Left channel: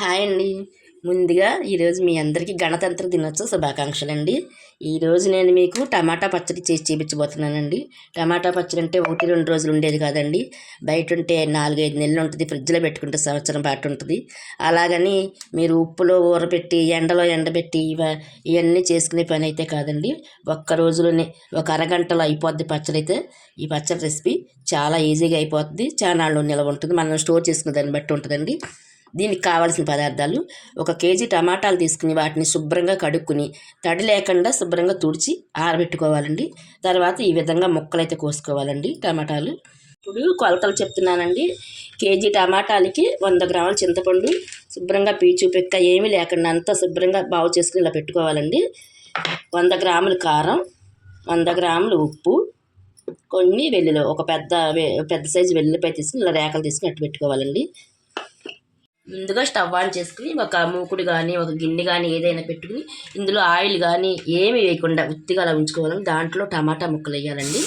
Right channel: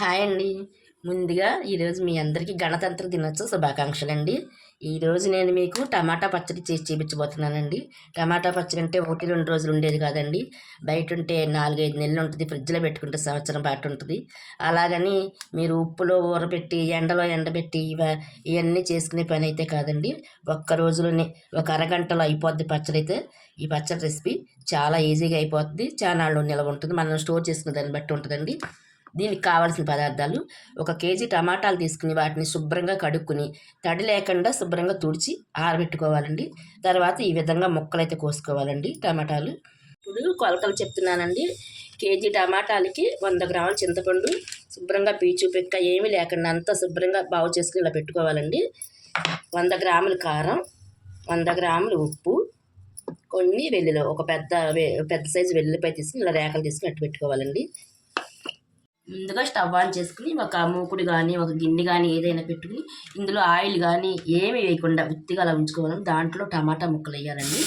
Hi అండి. ముందుగా ఈరోజు మీ అందరికీ గణతంత్ర దినోత్సవ శుభాకాంక్షలు అండి ఈరోజు నేను మీకు టమాటా పచ్చడి చేసి చూపించబోతున్నానండి. టమాటా పచ్చడి అంటే ఒకటి రెండు రోజులు ఉండేది కాదండి. బయట ఉంటే నాలుగైదు నెలలు ఉంటుంది ఫ్రిడ్జ్లో పెట్టుకుంటే సంవత్సరం పాటు ఉంటుంది. అలాగని మీరు ఉప్పులో ఊరబెట్టి ఎండలో ఎండబెట్టి ఇవ ఇవన్నీ చేసుకునే పని అయితే కాదండి. ఒక్క రోజులోనే ఒక అరగంటలో అయిపోద్ది పచ్చడి అయితే ఈ పచ్చడి రెసిపీ చాలా ఈజీగా అయిపోతుంది చాలా నాళ్ళు నిల్వ ఉంటుంది. మనం స్టోర్ చేసుకునే దాన్ని బట్టి ఉంటుందండి. దీనికి కావాల్సిన పదార్థాలు ఒక కేజీ టమాటాలు తీసుకుని వాటిని శుభ్రంగా కడుక్కుని తడి లేకుండా శుభ్రంగా తుడిచి ఆరబెట్టుకోవాలండి. తర్వాత ఈ విధంగా ముక్కలు అయితే కోసుకోవాలండి టమాటాలు. ఇప్పుడు కొలతలు చెప్తున్నానండి. కేజీ టమాటాలకి వంద గ్రాముల చింతపండు శుభ్రంగా పీచు పెక్క ఏమీ లేకుండా అంతా శుభ్రంగా బాగు చేసుకుని ఇలా పెట్టుకోవాలండి. వంద గ్రాముల కారం వంద గ్రాములు ఉప్పు కొన్ని వెల్లుల్లి ఒక పెద్ద పెద్ద సైజు వెల్లుల్లిపాయ తీసుకుని ఇలా రేఖలు తీసుకుని అట్టు పెట్టుకోవాలండి. ముందుగా స్టవ్ ఆన్ చేసుకుని ఒక మూకుడు కానీ ఒక గిన్నె కానీ ఏదైనా పెట్టుకుని ఇందులో ఆయిల్ కానీ ఏమి వేయకుండా ఉత్తిగా అలా ఉంచుకోవాలి. దాంట్లో టమాటా ముక్కలు వేయాలండి.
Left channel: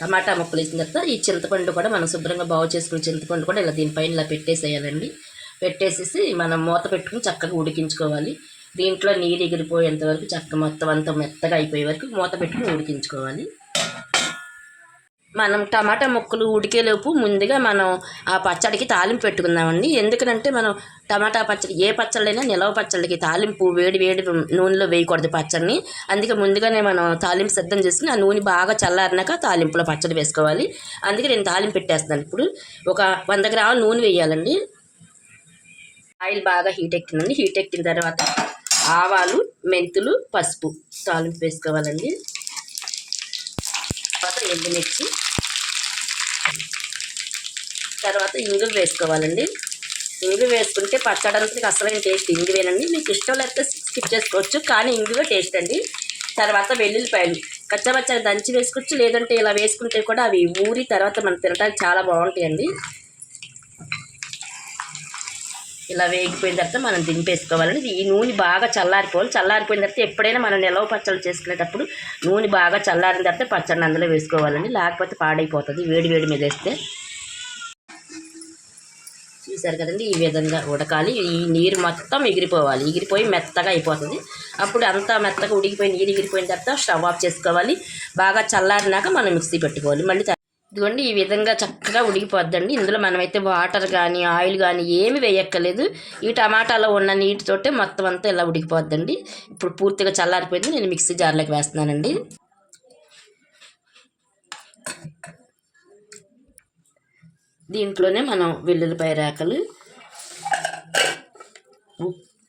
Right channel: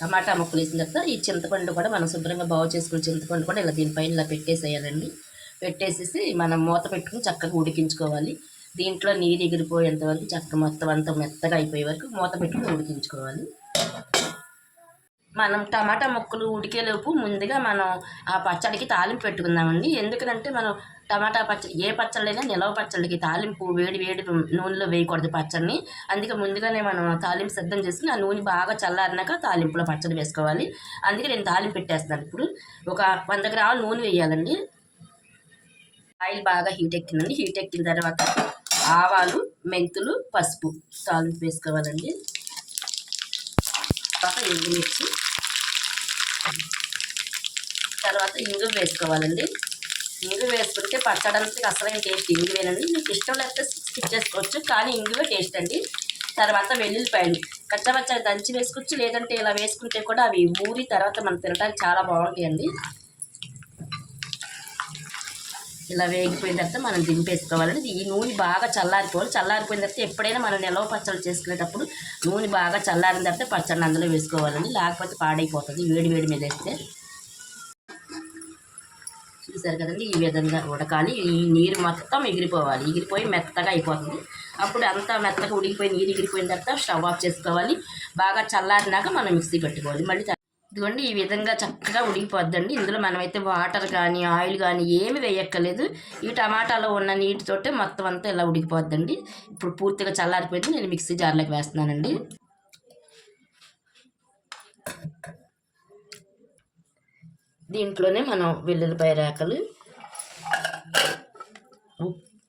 టమాటా ముక్కలు వేసిన తర్వాత ఈ చింతపండు కూడా మనం శుభ్రంగా బాగు చేసుకుని చింతపండు కూడా ఇలా దీనిపైన ఇలా పెట్టేసేయాలండి. పెట్టేసేసి మనం మూత పెట్టుకుని చక్కగా ఉడికించుకోవాలి. దీంట్లో నీరు ఎగిరిపోయేంత వరకు చక్క మొత్తం అంతా మెత్తగా అయిపోయే వరకు మూత పెట్టుకుని ఉడికించుకోవాలి. మనం టమాటా ముక్కలు ఉడికేలోపు ముందుగా మనం ఆ పచ్చడికి తాలింపు పెట్టుకుందామండి. ఎందుకంటే మనం టమాటా పచ్చడి ఏ పచ్చళ్ళైనా నిలవ పచ్చడికి తాలింపు వేడి వేడి నూనెలో వేయకూడదు పచ్చడిని. అందుకే ముందుగానే మనం తాలింపు సిద్ధం చేసుకుని ఆ నూనె బాగా చల్లారినాక తాలింపులో పచ్చడి వేసుకోవాలి. అందుకే నేను తాలింపు పెట్టేస్తాను. ఇప్పుడు ఒక వంద గ్రాముల నూనె వేయాలండి. ఆయిల్ బాగా హీట్ ఎక్కిందండి. హీట్ ఎక్కిన తర్వాత ఆవాలు మెంతులు పసుపు తాలింపు వేసుకోవాలండి. తర్వాత ఎండుమిర్చి తర్వాత ఇంగువ వేసుకోవాలండి. ఇంగు వేసుకుంటే పచ్చడానికి అసలైన టేస్ట్ ఇంగువేనండి మీకు ఇష్టం లేకపోతే స్కిప్ చేసుకోవచ్చు కానీ ఇంగువ టేస్ట్ అండి. తర్వాత వెల్లుల్లిపాయలు పచ్చపచ్చగా దంచి వేసుకోవచ్చు లేదంటే ఇలా వేసుకుంటే కూడా అవి ఊరి తర్వాత మనం తినడానికి చాలా బాగుంటాయండి. ఇలా వేగిపోయిన తర్వాత మనం దింపేసుకోవాలండి. ఈ నూనె బాగా చల్లారిపోవాలి. చల్లారిపోయిన తర్వాత ఎప్పుడైనా మనం నిలవ పచ్చళ్ళు చేసుకునేటప్పుడు నూనె బాగా చల్లారిన తర్వాత పచ్చడిని అందులో వేసుకోవాలండి. లేకపోతే పాడైపోతుంది. వేడి వేడి మీద వేస్తే చూసారు కదండి? ఈ విధంగా ఉడకాలి. ఈ నీరు మొత్తం ఎగిరిపోవాలి. ఎగిరిపోయి మెత్తగా అయిపోతుంది. అప్పుడు అంతా మెత్తగా ఉడికిపోయి నీరు ఎగిరిపోయిన తర్వాత స్టవ్ ఆఫ్ చేసుకోవాలి. బాగా చల్లారినాక మనం మిక్సీ పెట్టుకోవాలి. మళ్ళీ ఇదిగోండి ఈ విధంగా చక్కగా ఉడికిపోద్దండి. ఇందులో మనమైతే వాటర్ కానీ ఆయిల్ కానీ ఏమి వేయక్కర్లేదు. ఈ టమాటాలో ఉన్న నీటితోటే మొత్తం అంతా ఇలా ఉడికిపోద్దండి. ఇప్పుడు పూర్తిగా చల్లారిపోయింది. నేను మిక్సీ జార్లోకి వేస్తున్నానండి. దీంట్లోనే మనం వెల్లుల్లిపాయ రేకలు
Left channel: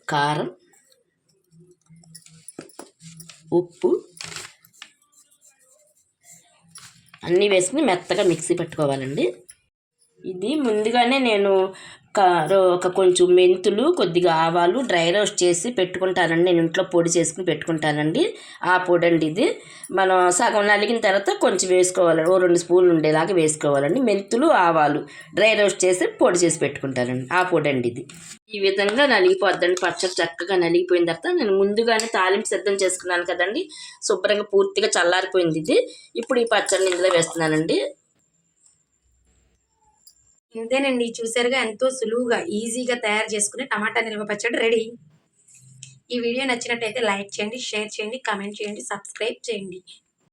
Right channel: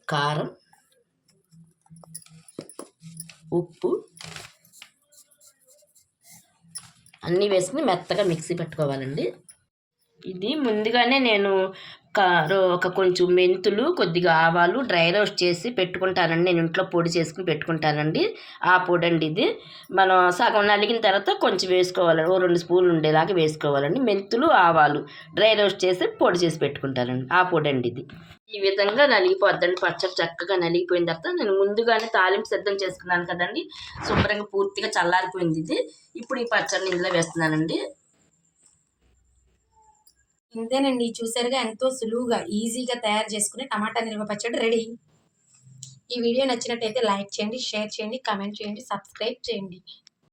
కారం ఉప్పు అన్నీ వేసుకుని మెత్తగా మిక్సీ పెట్టుకోవాలండి. ఇది ముందుగానే నేను ఒక కొంచెం మెంతులు కొద్దిగా ఆవాలు డ్రై రోస్ట్ చేసి పెట్టుకుంటానండి. నేను ఇంట్లో పొడి చేసుకుని పెట్టుకుంటానండి. ఆ పొడి అండి ఇది. మనం సగం నలిగిన తర్వాత కొంచెం వేసుకోవాలండి. ఓ రెండు స్పూన్లు ఉండేలాగా వేసుకోవాలండి. మెంతులు ఆవాలు డ్రై రోస్ట్ చేసి పొడి చేసి పెట్టుకుంటానండి. ఆ పొడి అండి ఇది. ఈ విధంగా నలిగిపోద్దండి. పచ్చడి చక్కగా నలిగిపోయిన తర్వాత నేను ముందుగానే తాలింపు సిద్ధం చేసుకున్నాను కదండి. శుభ్రంగా పూర్తిగా చల్లారిపోయింది ఇది. ఇప్పుడు ఈ పచ్చడిని ఇందులో వేస్తున్నానండి. ఇంతేనండి చూసారుగా ఎంతో సులువుగా ఈజీగా తయారు చేసుకునే టమాటా నిల్వ పచ్చడి రెడీ. ఈ వీడియో నచ్చినట్టయితే లైక్ చేయండి షేర్ చేయండి కామెంట్ చేయండి సబ్స్క్రైబ్ చేయండి.